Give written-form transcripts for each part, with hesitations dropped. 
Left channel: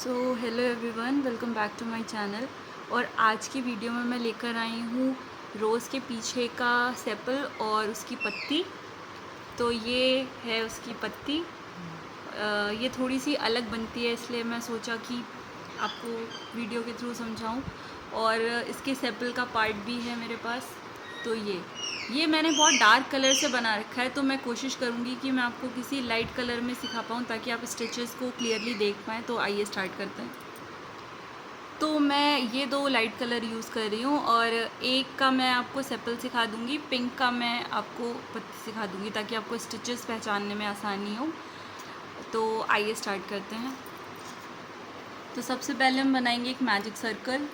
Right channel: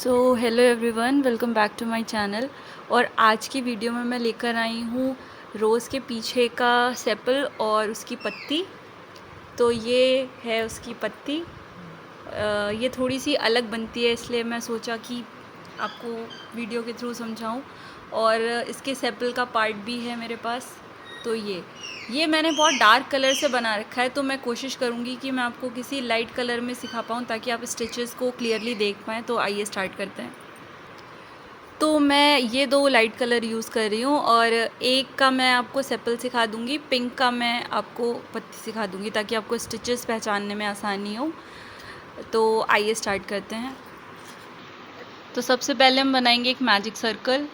So hello everyone, welcome back to my channel. और आज की वीडियो में मैं लेकर आई हूँ रोज़ के पीछे का सेपल और उसकी पत्ती। तो ये है उसकी पत्ती। ये थोड़ी सी अलग बनती है, इसलिए मैं सोचा कि आपको वीडियो के थ्रू समझाऊं। और इसके सेपल का पार्ट भी है मेरे पास। तो ये मैंने बहुत डार्क कलर से बना रखा है, तो मैं कोशिश करूँगी कि मैं आपको किसी लाइट कलर में सिखा पाऊँ ताकि आप स्टिचेस को क्लियरली देख पाएँ। तो आइए स्टार्ट करते हैं। तो मैं ये 2 लाइट कलर यूज़ कर रही हूँ और एक का मैं आपको सेपल सिखा दूँगी, पिंक का मैं आपको पत्ती सिखा दूँगी ताकि आपको स्टिचेस पहचानने में आसानी हो। तो आइए स्टार्ट करते हैं। तो सबसे पहले हम बनाएंगे एक मैजिक सर्कल।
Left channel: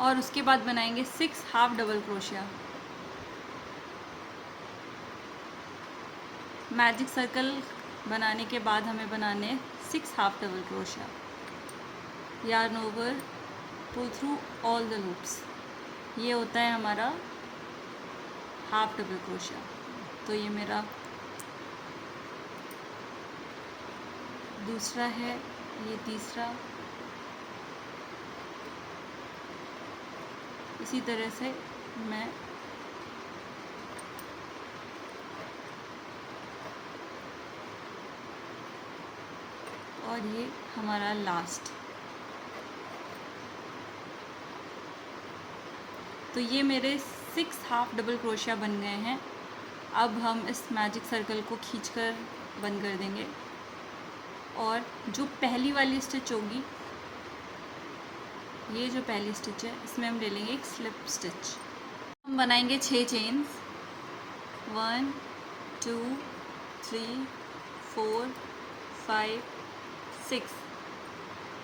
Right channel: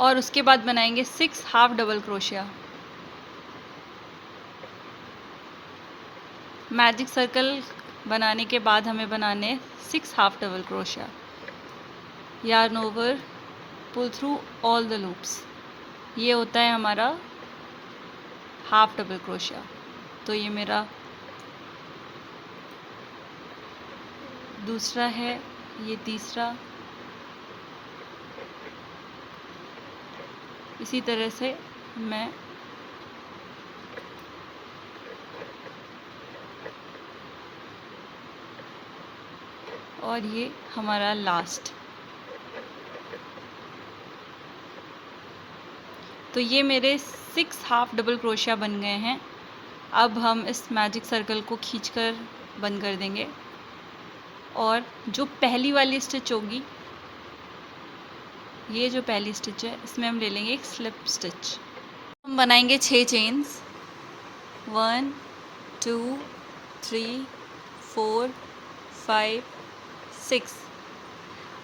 और उसके बाद बनाएंगे 6 half double crochet. Magic circle बनाने के बाद हमें बनाने 6 half double crochet. Yarn over, pull through all the loops. ये होता है हमारा हाफ डबल क्रोशिया। तो ये मेरा दूसरा है, ये तीसरा। इसी तरह से मैं और ये हमारा लास्ट। तो ये मेरे 6 हाफ डबल क्रोशिया बन गए हैं। अब हम इस मैजिक सर्कल को खींचकर बंद कर देंगे और जो पहली वाली स्टिच होगी, ये जो पहली स्टिच है, इसमें हम ले लेंगे एक स्लिप स्टिच। हम बनाएंगे 6 चेन्स। 1 2 3 4 5 6।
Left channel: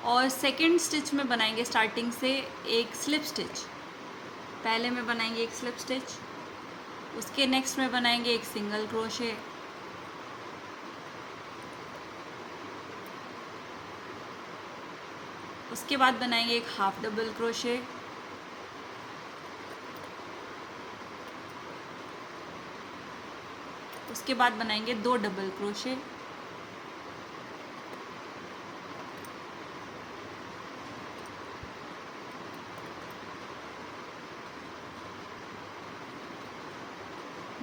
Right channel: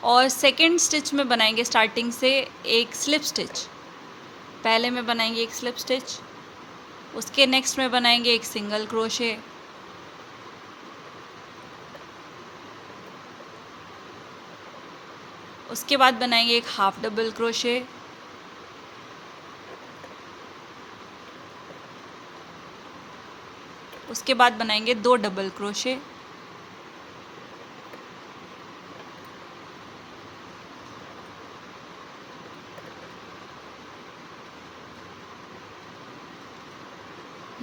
और सेकेंड स्टिच में बनाएंगे स्टार्टिंग से एक स्लिप स्टिच। पहले में बनाएंगे एक स्लिप स्टिच, उसके नेक्स्ट में बनाएंगे एक सिंगल क्रोशे, उसके बाद बनाएंगे एक हाफ डबल क्रोशे, उसके बाद बनाएंगे 2 डबल क्रोशे,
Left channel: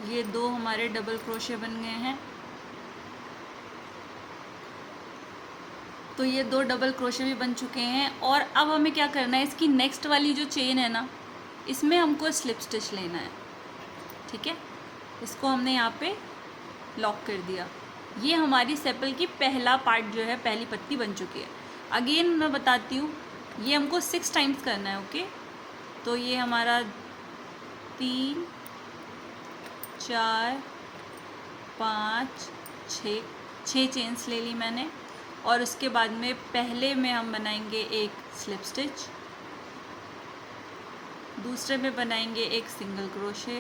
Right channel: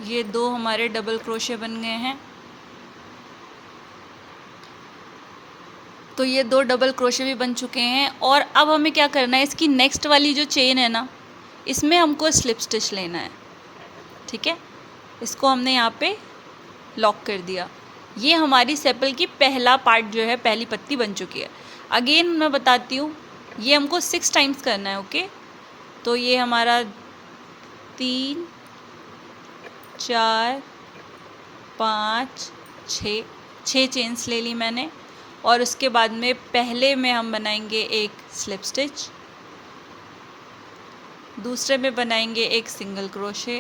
ये 2 हमारे डबल क्रोशे बन गए हैं। तो ये 2 डबल क्रोशे भी बन चुके हैं। और अब हमें क्या करना है, इसकी नेक्स्ट वाली जो चेन है ना, इसमें हमको स्लिप स्टिच लेना है। ठीक है, इसको हमने यहाँ पे लॉक कर दिया। ये हमारी सेपल की पहला पार्ट जो है, पहली पत्ती बन चुकी है। अगेन मैं बताती हूँ, ये हमको 6 टाइम्स करना है। ओके, तो ये हमारा 3 4 5 6 चेन्स ले ली मैंने। और उसके बाद में पहले में हम बनाएंगे एक स्लिप स्टिच, दूसरे में बनाएंगे एक सिंगल क्रोशे,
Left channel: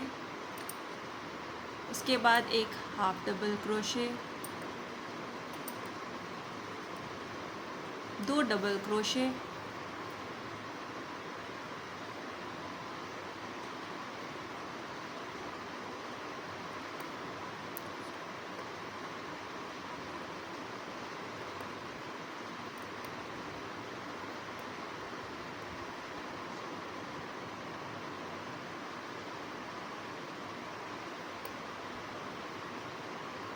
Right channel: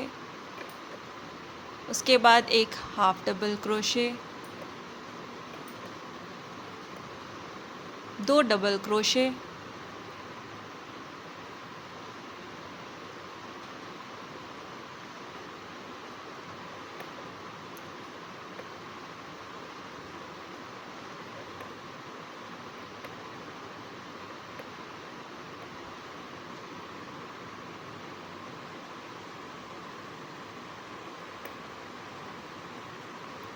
उसके बाद एक half double crochet, 2 double crochet,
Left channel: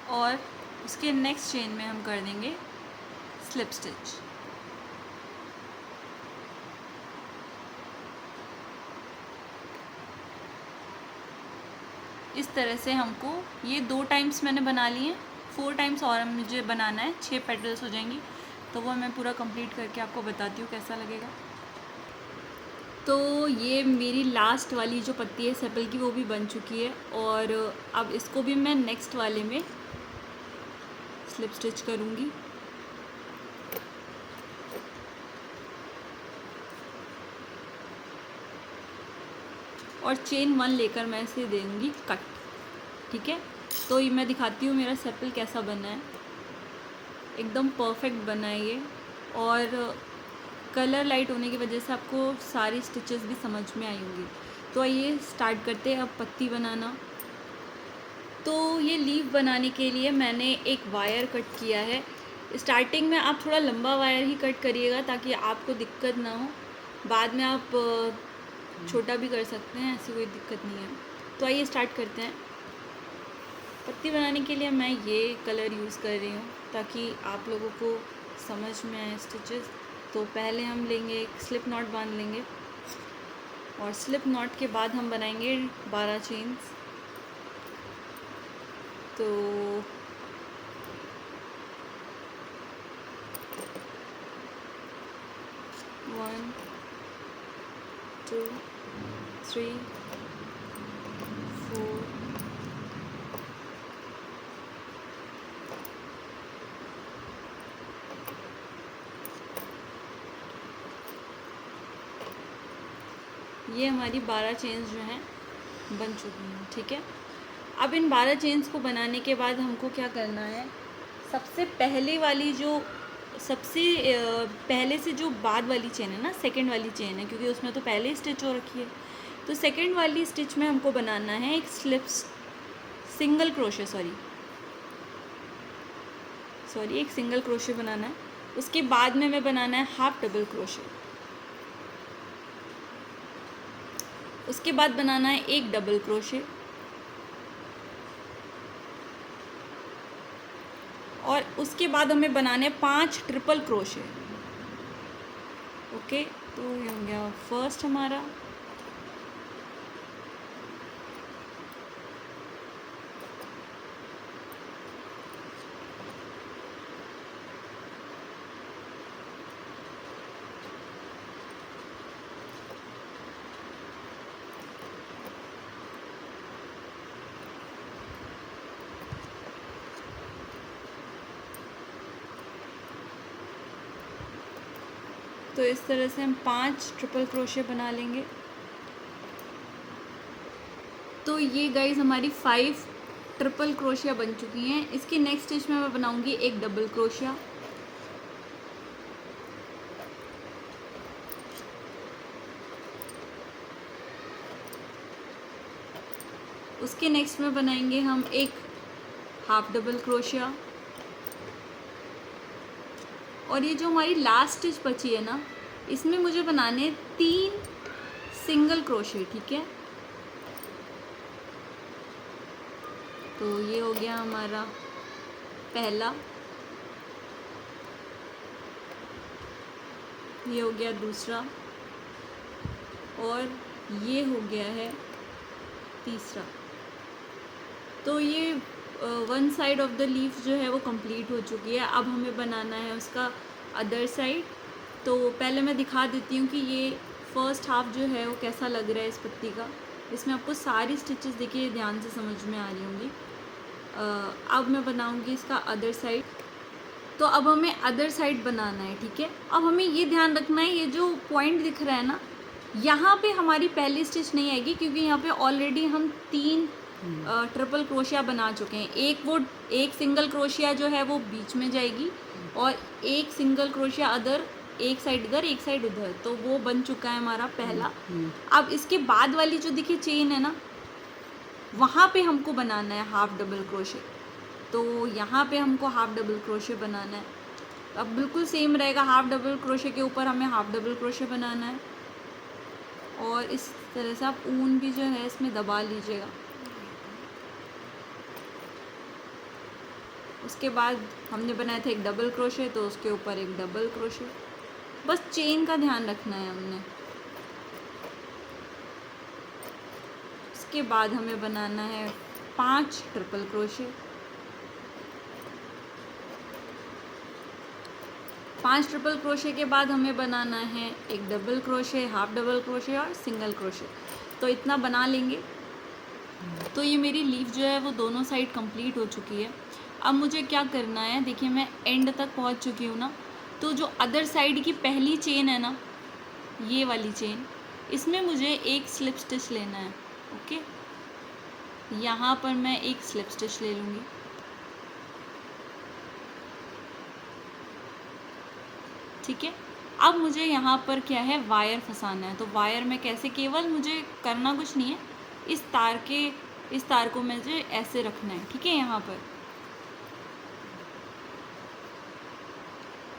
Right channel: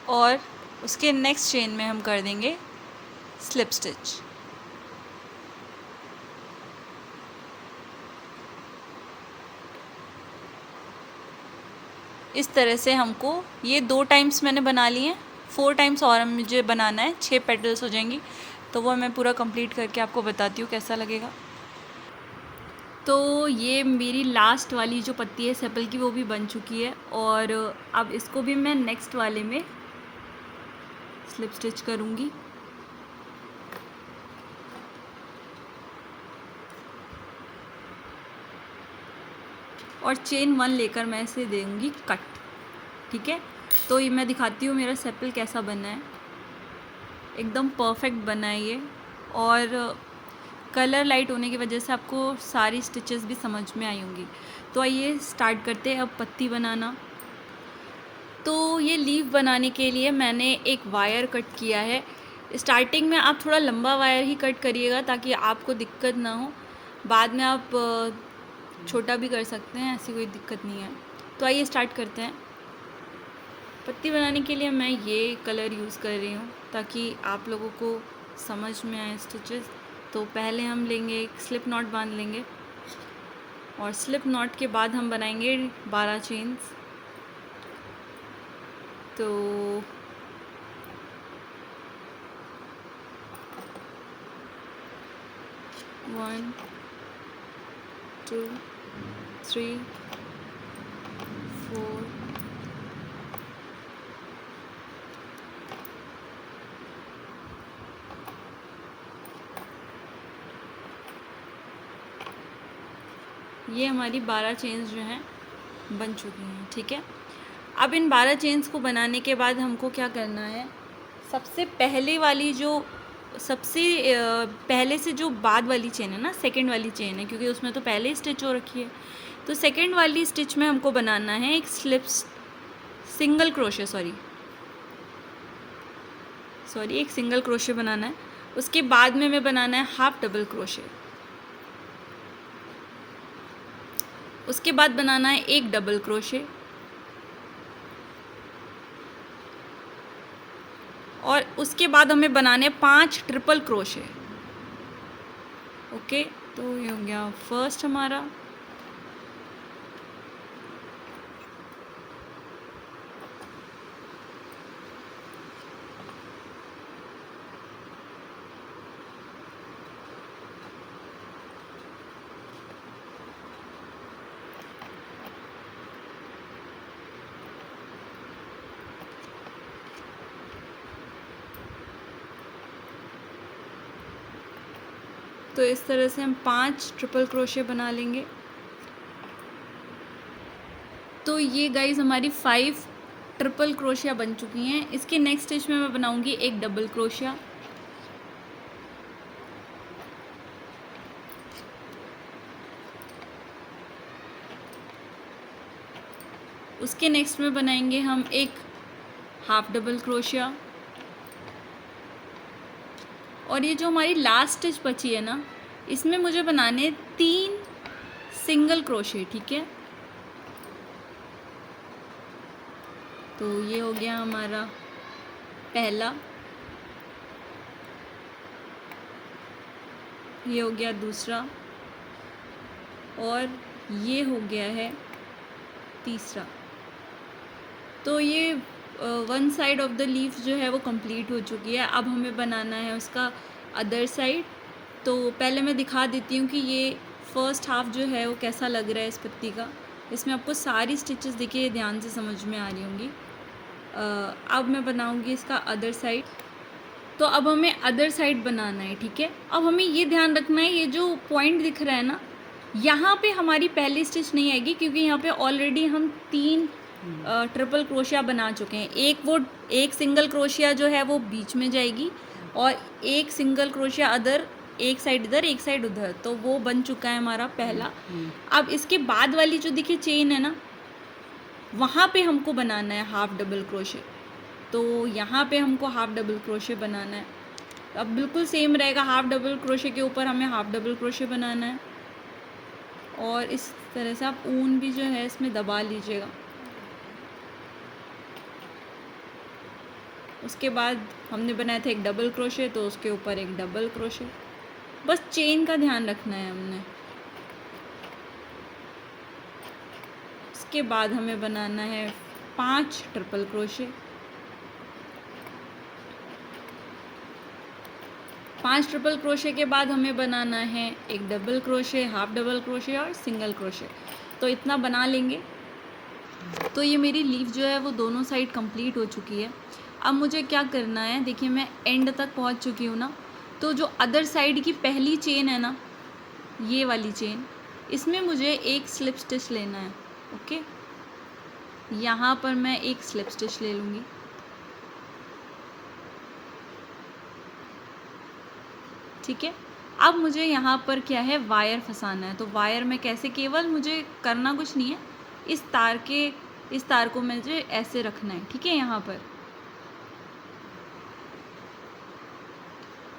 और उसके नेक्स्ट चेन में हम कर देंगे स्लिप स्टिच। इस तरह से हमको ये 2 टाइम्स मैंने बना लिए हैं। 4 टाइम्स और मुझे बनाना है, 6 पेटल्स हो जाएंगी। तो वो मैं पूरा कंप्लीट करके आपको बताती हूँ कैसा लगेगा। तो ये मेरी लास्ट वाली जो पत्ती है सेपल की, वो भी बन चुकी है। और अब इसको भी मैं नेक्स्ट वाले में स्लिप स्टिच करूँगी। और चेन 1 लेकर मैं इसे दूँगी कट। ठीक है, तो ये मैं दिखाती हूँ मेरा सेपल कैसा बना है। एकदम परफेक्ट बना है ये, और कलर लाइट होने की वजह से आपको सारी स्टिचेस भी समझ में आई होंगी। तो आइए स्टार्ट करते हैं अब पत्ती बनाना। तो ये लीफ बनाने के लिए मैंने एक वायर कट किया है। स्टार्टिंग में आप थोड़ा लंबा वायर ही कट करिएगा ताकि आपको दिक्कत ना हो। बाद में आप छोटा भी कर सकते हैं, ऐसी कोई दिक्कत नहीं है। तो आइए स्टार्ट करते हैं। पत्ती बनाने के लिए मैं ये कलर यूज़ कर रही हूँ ताकि आप लोगों को समझ में आए स्टिचेस। तो पहले हम लेंगे एक स्लिप नॉट बांध लेंगे, और स्लिप नॉट के बाद हम बनाएंगे 12 चेन्स। तो 1 2 3 4 ये हमारी 12 चेन्स जो हैं बन चुकी हैं। ठीक है, अब इन 12 चेन्स को बनाने के बाद हमको क्या करना है, सबसे पहले वाली जो सबसे पहले से जो बाद वाली चेन है ना, सेकंड वाली चेन है, क्योंकि उसमें तो पहले ही स्टिच हो रखी है। तो सेकंड वाली स्टिच में हमको बनाना है एक सिंगल क्रोशे एक सिंगल क्रोशे बनाना है। उसके बाद में हमें बनाना है हाफ डबल क्रोशे। उसके बाद बनाना है एक डबल क्रोशे, और उसके बाद हमें बनाने 5 ट्रिपल क्रोशे। ओके, तो ये हो गया फर्स्ट हमारा। तो इस तरह से हम 5 ट्रिपल क्रोशे बना लेंगे। तो ये गाइज हमारी 5 ट्रिपल क्रोशिया बन चुकी हैं। इसके नेक्स्ट स्टिच में मैं बनाऊंगी एक डबल क्रोशिया। उसके नेक्स्ट में बनाएंगे हम एक हाफ डबल क्रोशिया, और ये जो हमारी लास्ट स्टिच बची है ना, इसमें मुझे बनाने 3 सिंगल क्रोशे। ठीक है, तो ये हो गया हमारा पहला, ये हो गया दूसरा, और ये हो गया है तीसरा। तो ये one side of the leaf जो है वो कंप्लीट हो चुकी है। अब हमें बनाना है उसका अदर साइड। तो पहले मैं दिखा देती हूँ कि ये फर्स्ट हाफ जो है वो कैसा लग रहा है इस पत्ती का। इसमें आपको सारी स्टिचेस देखिए ध्यान से समझ में आ रही होंगी। अब मैं बनाऊँगी इसका अदर साइड। तो अब हमें अदर साइड बनाना है। ठीक है, अब हमें ये ध्यान रखना है, ये जो पॉइंट दिख रहा है ना, यहाँ पे हमारी पहली स्टिच नहीं आएगी, क्योंकि यहाँ पे ऑलरेडी हम 3 ट्रिपल क्रोशिया बना चुके हैं। एक सिंगल क्रोशिया जो है वो बीच में जाएगी, और एक सिंगल क्रोशिया अदर, एक साइड इधर एक साइड उधर। तो वो बन चुका है हमारा पहला। अब इसके बाद वाली जो देखिए चेन है ना, वहाँ पे हमको बनाना है हाफ डबल क्रोशे। तो यहाँ पे हमको हाफ डबल क्रोशे बनाना है। अब बिल्कुल सेम रहेगा, हाफ डबल क्रोशे के ऊपर हमें हाफ डबल क्रोशे बनाना है, और इस तरह से आप ऊन भी जो है इसमें दबा लीजिएगा। उसके बाद हमने बनाया था एक डबल क्रोशे, तो उसके ऊपर एक डबल क्रोशे। बस चेन का ध्यान रखना है हमने। उसके बाद हमें बनाना है 5 ट्रिपल क्रोशे। 5 ट्रिपल क्रोशे के बाद हमें बनाना है एक double crochet, half double crochet और सिंगल क्रोशे। तो इतना बना लेंगे। तो ये मेरी लीफ जो है वो दोनों साइड कंप्लीट हो चुकी है। अब मुझे क्या करना है, देखिए मैं एंड तक पहुंच चुकी हूँ ना। तो जो अदर साइड की पहली चेन है ना, ये वाली चेन, इसमें मुझे एक स्लिप स्टिच लेना है। ओके, यहाँ पर मैं एक स्लिप स्टिच ले लूँगी। ठीक है, अब मुझे यहाँ पर क्या है, वायर फंसाना है। तो वायर में कैसे, केवल मुझे करना कुछ नहीं है, इस तार को मुझे ऐसे रखना है। ठीक है, यहाँ पर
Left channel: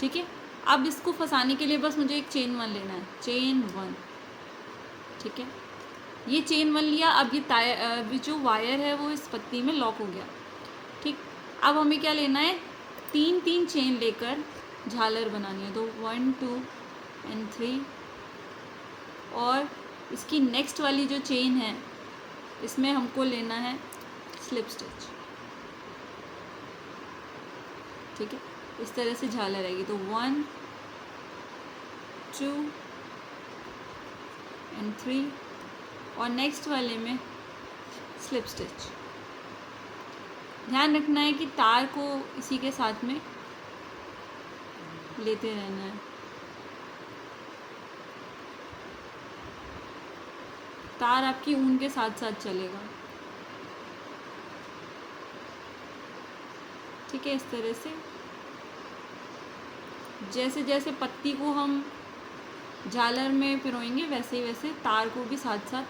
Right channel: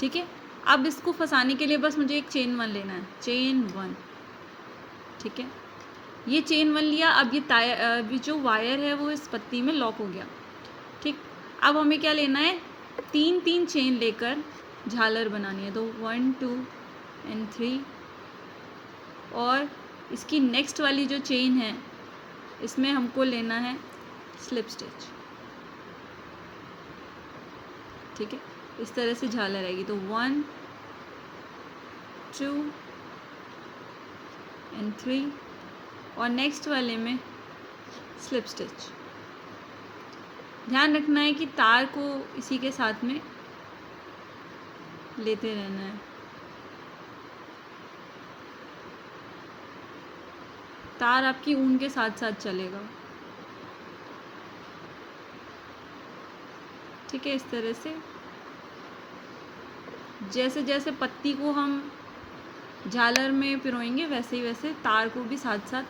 ठीक है। अब इसको फंसाने के लिए बस मुझे एक चेन 1 लेना है, चेन 1। ठीक है, ये चेन 1 लिया। अब ये जो वायर है वो इस पत्ती में लॉक हो गया। ठीक, अब हमें क्या लेना है, 3 चेन लेकर झालर बनानी है। तो 1 2 एंड 3, और इसकी नेक्स्ट वाली जो चेन है इसमें हमको लेना है स्लिप स्टिच। ठीक है, इस तरह से झालर आएगी। तो 1 2 एंड 3, और नेक्स्ट वाले में स्लिप स्टिच। ध्यान रखना है कि तार को इसी के साथ में लेते रहना है। तार आपकी ऊन के साथ साथ चलेगा। ठीक है, इस तरह से जैसे जैसे पत्ती को हम झालर में पिरोएंगे वैसे ही वैसे तार को भी साथ साथ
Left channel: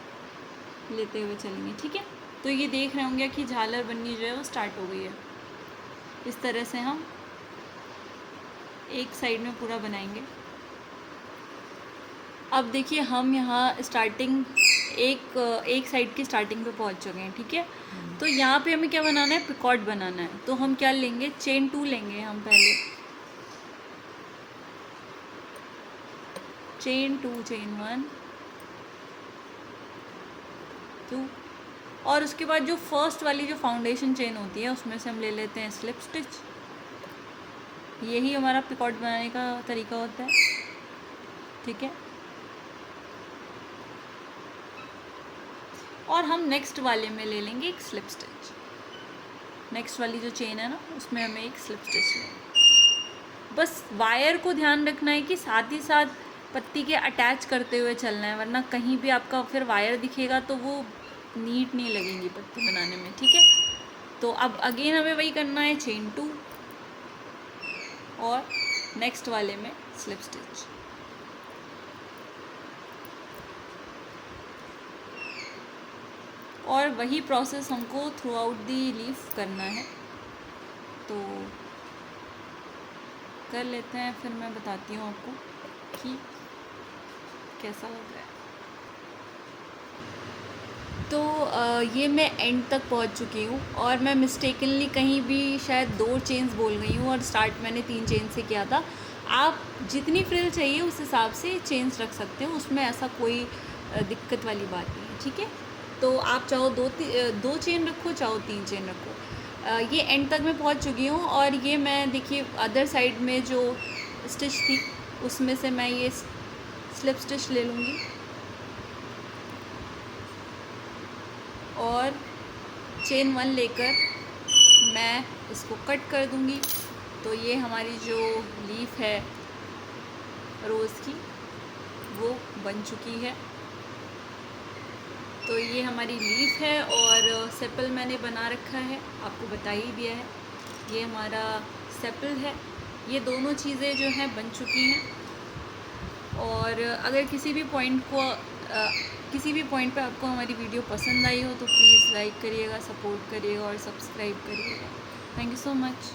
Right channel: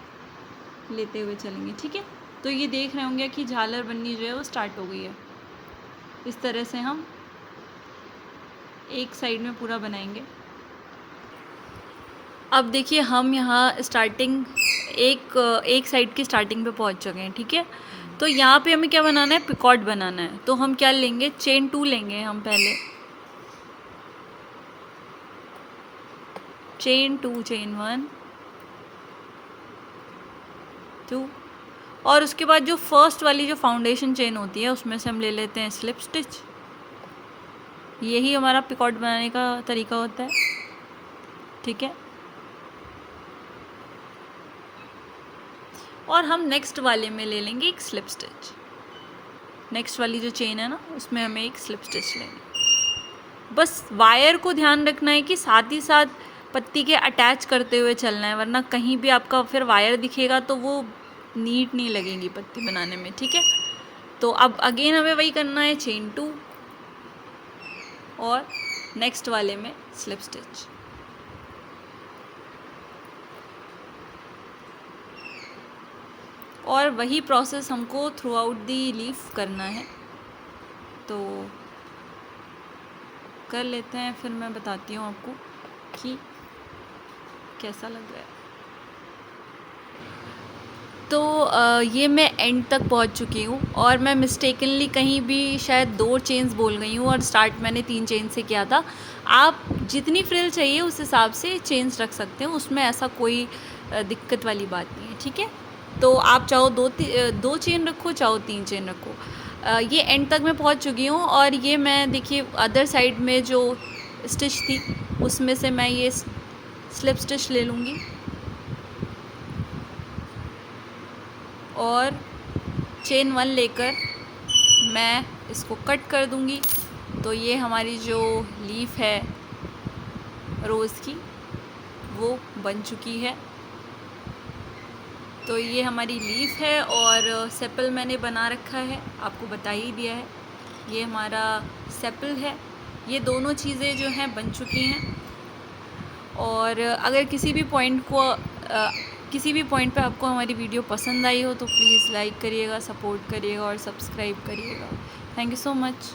लेते हुए चलेंगे। ठीक है, तो ये देख रहे होंगे कि झालर बननी जो है वो स्टार्ट हो गई है। इस तरह से हम एक साइड में पूरा बनाएंगे। अब देखिए, हम यहाँ स्टार्टिंग एक साइड की स्टार्टिंग पे पहुँच चुके हैं। ठीक है, तो यहाँ पे हमें क्या बनाना है, पिकॉट बनाना है। तो हम क्या लेंगे, चेन 2 लेंगे हम पहले, चेन 2, चेन 1 2, और उसके बाद जो फर्स्ट वाली जो फाउंडेशन चेन होती है उसमें से हम ले लेते हैं स्लिप स्टिच। यही हमारा पिकॉट बनाने का तरीका होता है। ठीक है, और हम नेक्स्ट वाले में ले लेंगे एक स्लिप स्टिच। नेक्स्ट वाली जो चेन है ना उसमें हमें एक स्लिप स्टिच लेंगे। बस वायर को ध्यान रखना है कि साथ ही साथ पत्ती के अटैच करते हुए चलना है, वरना कहीं भी आपका फिर वायर दिखेगा तो वो नीट नहीं लगेगी पत्ती बनाने में। ठीक है, तो अब अगेन हमें वही करना है, चेन 2 और नेक्स्ट वाले में स्लिप स्टिच। और वही प्रोसेस हमको थ्रू आउट दी लीफ करना है। तो कर लेते हैं, फिर मैं बताती हूँ आपको कि कैसा लग रहा है। तो ये मैं एंड तक पहुँच चुकी हूँ, और मैं मिस्टेकनली कहीं भी शायद 2 चेन्स बोल गई हूँ, और स्टार्ट मैंने 3 चेन से किया था। आप जितनी फ्रिल चाहिए उस हिसाब से चेन्स रख सकते हो, उसमें ऐसा कोई दिक्कत वाली बात नहीं है। ठीक है, तो आप चाहो 2 चेन रखो, चाहो 3 चेन रखो। ये एंड तक मैं पहुँच चुकी हूँ, और ये मैं देखिए अदर साइड में जो स्टिच थी उसमें से मैं ये स्लिप स्टिच ले लूँगी और चेन 1 लेकर मैं इसको कट कर दूँगी। तो ये हमारी जो लीफ है रोज़ की वो बन चुकी है। तो ये हमारी लीफ है, और सेपल मैंने बना रखा है, आपको बता ही दिया है। ये हमारा सेपल है। ये दोनों चीज़ें जो हैं बन चुकी हैं। और अगर किसी भी पॉइंट पे आपको हमारी वीडियो पसंद आई हो तो प्लीज़ लाइक करिएगा, सपोर्ट करिएगा और सब्सक्राइब करिएगा। Thank you so much.